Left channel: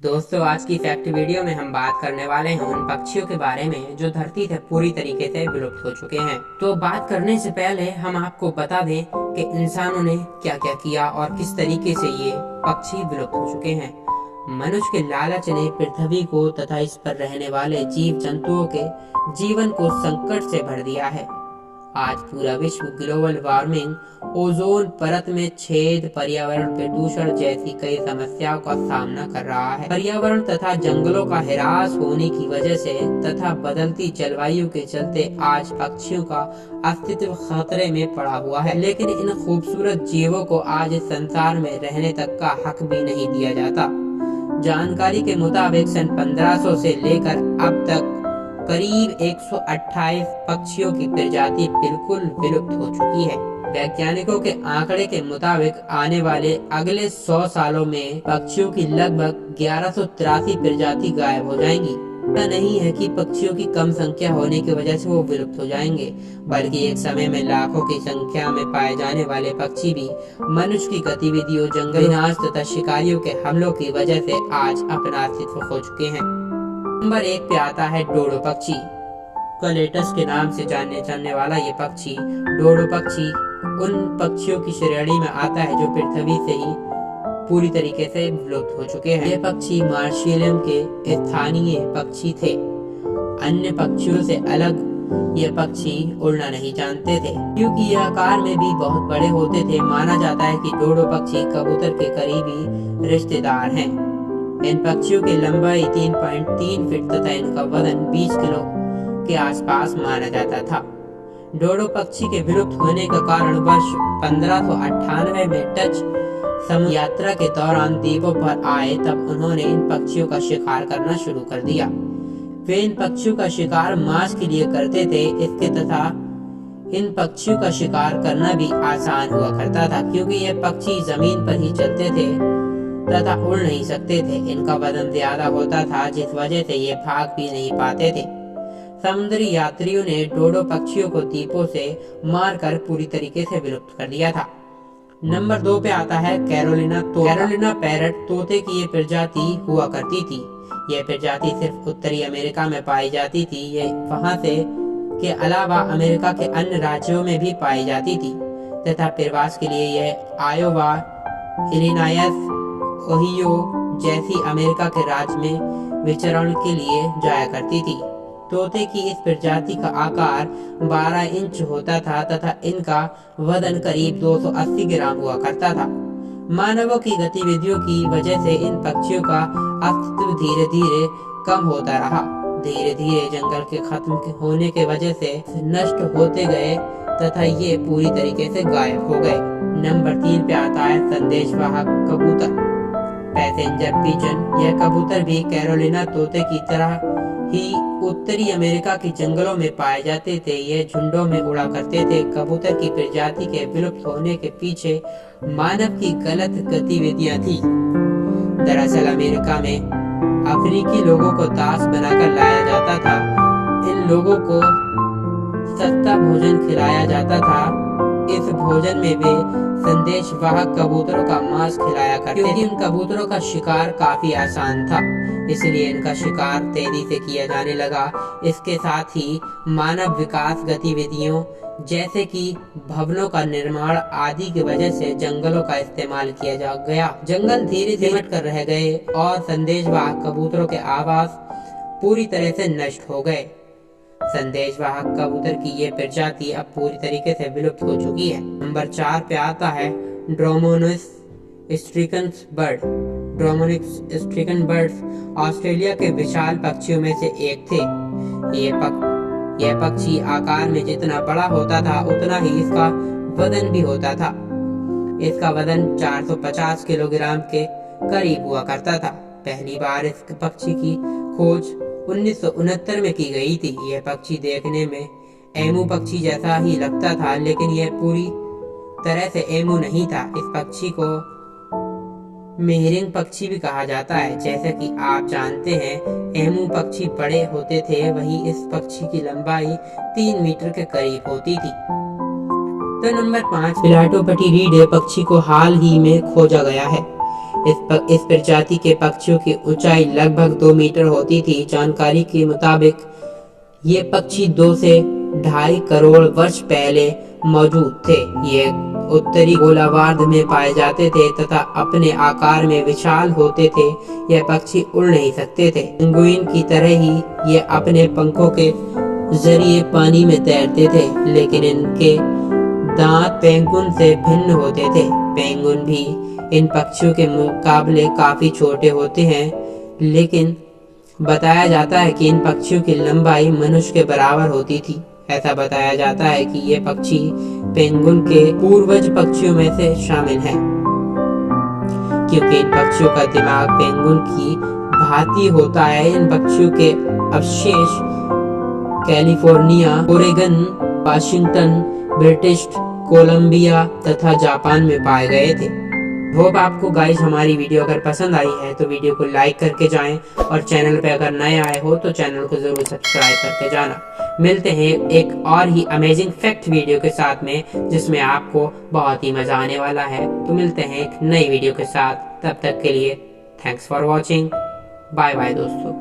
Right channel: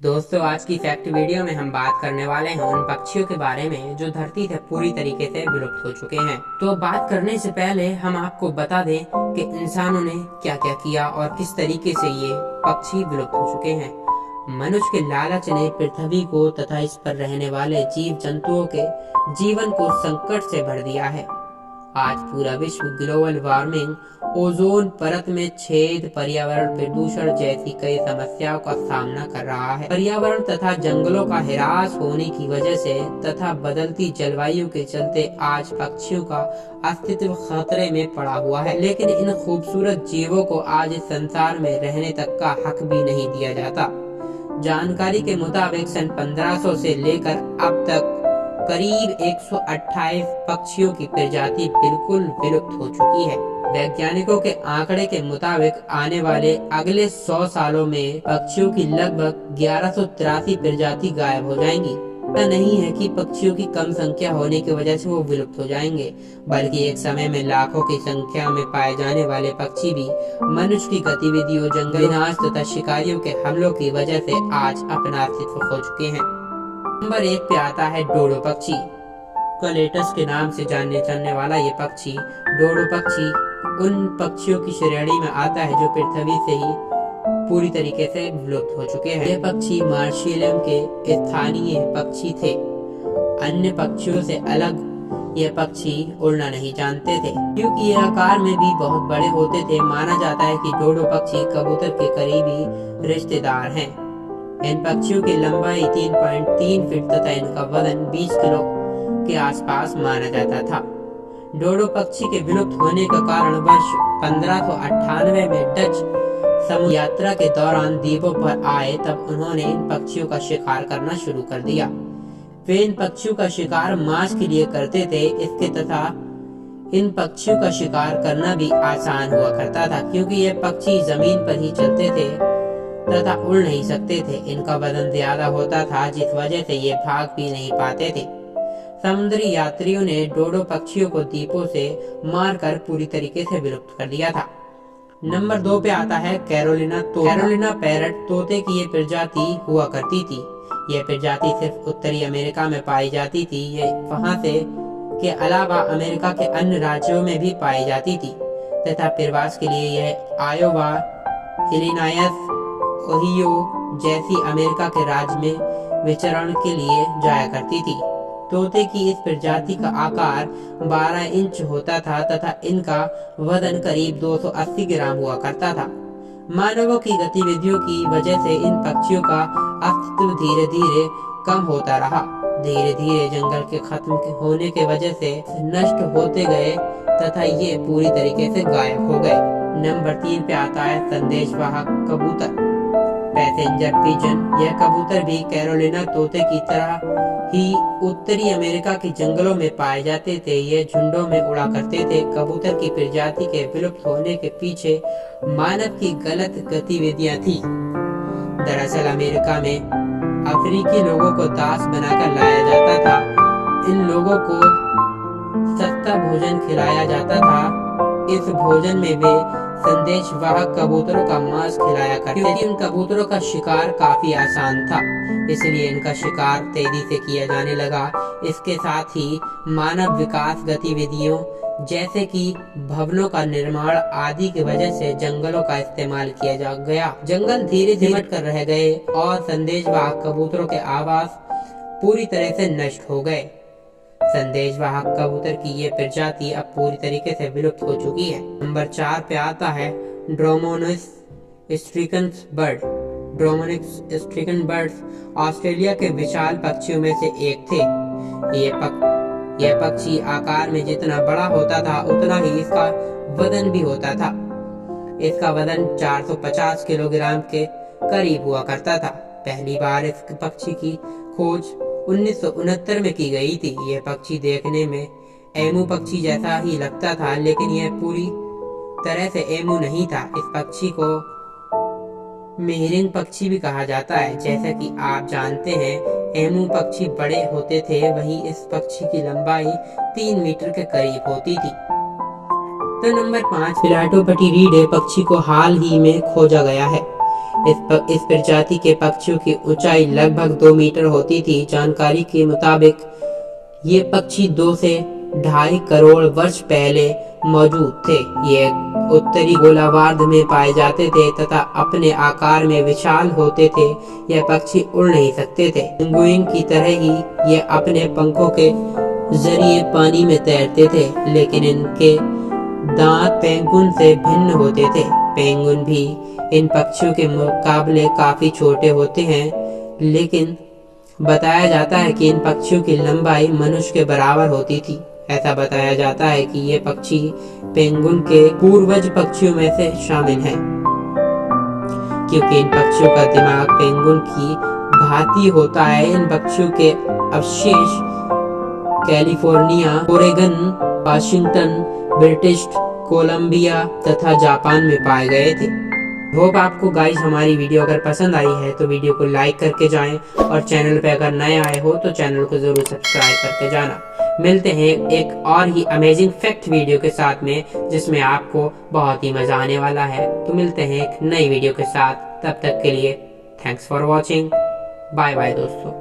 दोस्तों, आज की फैक्ट वीडियो में हम बात करने वाले हैं उन पक्षियों के बारे में जो धरती से पूरी तरीके से विलुप्त हो चुके हैं। तो बात करने से पहले हम आपको बता दें कि इंसानों ने क्या क्या किया और किस तरीके से ये पक्षी विलुप्त हो चुके हैं। मनुष्य के लालच ने पृथ्वी को तथा इस पर रहने वाले जीव जंतुओं के जीवन को संकट से भर दिया है। आज पूरा विश्व ग्लोबल वार्मिंग, ओजोन परत में छेद, पर्यावरण प्रदूषण जैसी कई समस्याओं का सामना कर रहा है। पर्यावरण तथा जंगलों का ह्रास होने की वजह से तथा बदलती जलवायु के चलते आज पक्षियों का अस्तित्व खतरे में पड़ा हुआ है। लेकिन इन खूबसूरत जीवों को आज इस संसार में रहने तक का हक भी नहीं दिया जाता। जानकारी के मुताबिक सन 1500 से लेकर अब तक करीब 128 पक्षियों की प्रजाति बिल्कुल विलुप्त हो चुकी है। वैज्ञानिकों के आंकड़े के मुताबिक आने वाले अगले 100 सालों में पक्षियों की लगभग 1183 प्रजाति गायब हो जाएंगी। ऐसा नहीं है कि पक्षियों की कम संख्या होने की वजह से वो विलुप्त हो जाएंगे, बल्कि एक समय में लाखों की संख्या में पाए जाने वाले पक्षी भी मनुष्य की गतिविधियों, जंगल विनाश तथा शिकारियों के हमलों की वजह से आज अपना अस्तित्व खो चुके हैं। नंबर 1 पे आता है डोडो पक्षी। कलेटस के नाम से जाने वाला ये पक्षी, डोडो पक्षी, उन पक्षियों की श्रेणी में आता है जो पृथ्वी से ही पूरी तरीके से विलुप्त हो चुके हैं। ये पक्षी मार्शियम के स्थानीय पक्षी थे। अन्य पक्षियों से अलग ये पक्षी उड़ना नहीं जानते थे, क्योंकि ये आकार में भी बहुत बड़े होते थे। माना जाता है कि डोडो पक्षी कबूतर के करीबी रिश्तेदार हैं। इन पक्षियों की लंबाई 3.3 फीट तथा इनका वजन 20 किलो के आसपास माना जाता था। डोडो पक्षी के विलुप्त होने का कारण वर्ष 1598 में डच समुद्र यात्रा के दौरान द्वीपों पर आए, तब उन्होंने इन पक्षियों का शिकार करना शुरू कर दिया। वे इन पक्षियों का शिकार मांस के लिए करते थे। इसके तथा इन पक्षियों का शिकार करना भी आसान हुआ करता था, क्योंकि ये पक्षी जमीन पर ही चलते थे तथा उड़ नहीं सकते थे। इनका वजन ज्यादा होता था, जिस वजह से ये भाग भी नहीं पाते थे। समुद्री यात्रियों ने डोडो पक्षियों को द्वीपों से मारकर पूरी तरीके से विलुप्त कर दिया था। नंबर 2 पे आता है कैरोलिना तोता। कैरोलिना पैरट तोते की ये प्रजाति हुआ करती थी। यह प्रजाति सिर्फ उत्तरी अमेरिका में पाई जाती थी। ये वहां से के अलावा अमेरिका के अन्य राज्यों में भी पाई जाती थी तथा प्रवास के लिए यह आयोवा, इलिनॉयस, ओहियो जैसी अमेरिका के राज्य में विचरण के लिए जाया करती थी। तोते की इस प्रजाति का आकार 12 इंच होता था तथा इनका वजन करीब 280 ग्राम हुआ करता था। मानवों की गतिविधियों की वजह से इन पक्षियों का अस्तित्व धीरे धीरे कम होता रहा। धीरे धीरे जंगल के खत्म होने के वजह से नष्ट होते गए तथा ये पूरी तरीके से गायब हो गए। नंबर 3 पे आता है संदेशवाहक कबूतर, पैसेंजर पिजन। यह कबूतर भी कैरोलिना तोते की तरह ही उत्तरी अमेरिका के जंगलों में पाए जाते थे। ये झुंडों में उड़ा करते थे। कबूतर की प्रजाति के विलुप्त होने के पीछे मानव की गलत गतिविधियां थी। दरअसल अमेरिका में अफ्रीकी लोगों को दास बनाकर लाया जाता था। इन लोगों को सस्ता भोजन खिलाया जाता था। इस भोजन में वे संदेशवाहक कबूतरों का मांस खिलाया करते, क्योंकि इन कबूतरों का शिकार काफी आसान था, इसलिए इनका शिकार तेजी से किया जाने लगा। इसके साथ ही मानव विकास गतिविधियों जैसे कि भवनों का निर्माण आदि की वजह से जंगलों का इस्तेमाल किया जा गया। जंगल धीरे धीरे सिमट कर रह गए और संदेशवाहक कबूतरों के आवास पूरी तरह से नष्ट हो गए। संदेशवाहक कबूतर की ये प्रजाति अब पूरी तरीके से विलुप्त हो चुकी है। नंबर 4 पे आता है Dromornis stirtoni bird. Dromornis stirtoni birds Australia के विशाल पक्षियों में से एक थे। यह पक्षी आकार में जितना बड़ा होता था उतना ही इसका वजन भी होता था। इसका वजन 450 किलोग्राम के करीब हुआ करता था। पहली बार इस पक्षी की खोज 1969 में की गई थी। यह पक्षी देखने में एमू पक्षी जैसा ही लगता था, लेकिन यह पूरी तरह से एमू नहीं था। इस पक्षी को मेहरिंग पक्षी भी कहा जाता है। जैसा कि आप जानते हैं, एमू पक्षी बड़े होते थे, वहीं इस पक्षी की लंबाई 3 मीटर के करीब होती थी। तो नंबर 5 पिलाटोपटिरिडे पक्षी को हाल ही में खोजा गया है। इस प्रजाति के पक्षियों की ऊंचाई लगभग 2 मीटर होती थी। जानकारी के मुताबिक ये पक्षी 2 से 2.5 करोड़ वर्ष पहले मौजूद थे। ये उत्तरी गोलार्ध में पाए जाते थे तथा अपने आकार में विशाल होते थे। यह पक्षी उड़ नहीं सकते थे। पेंगुइन की तरह ही ये अपने पंखों के जरिए पानी में तैरते थे, लेकिन इनके दांत पेंगुइन से भिन्न होते थे। पेंगुइन भी इन पक्षियों के मुकाबले काफी छोटे होते हैं, लेकिन बताया जाता है कि इन पक्षियों की लंबाई मनुष्य के बराबर होती थी। ऐसा बताया जाता है कि ये पक्षी पेंगुइन के पूर्वज पक्षियों में से शामिल हैं, क्योंकि इन पक्षियों का दिमाग पेंगुइन की भांति होता है। इन पक्षियों के अवशेष California, Oregon, Washington, British Columbia तथा जापान में पाए गए थे। होप आपको गाइस हमारी वीडियो अगर पसंद आई है तो वीडियो को लाइक करके जाएं, और चैनल पे अगर नए आए हो तो चैनल को जरूर सब्सक्राइब करके जाना। मिलते हैं एक और ही अमेजिंग फैक्ट वीडियो के साथ में, जिसमें आपको बहुत ही मजा आने वाला है। तो मिलते हैं एक नई वीडियो के साथ, तब तक के लिए thanks for watching. Bye bye दोस्तों।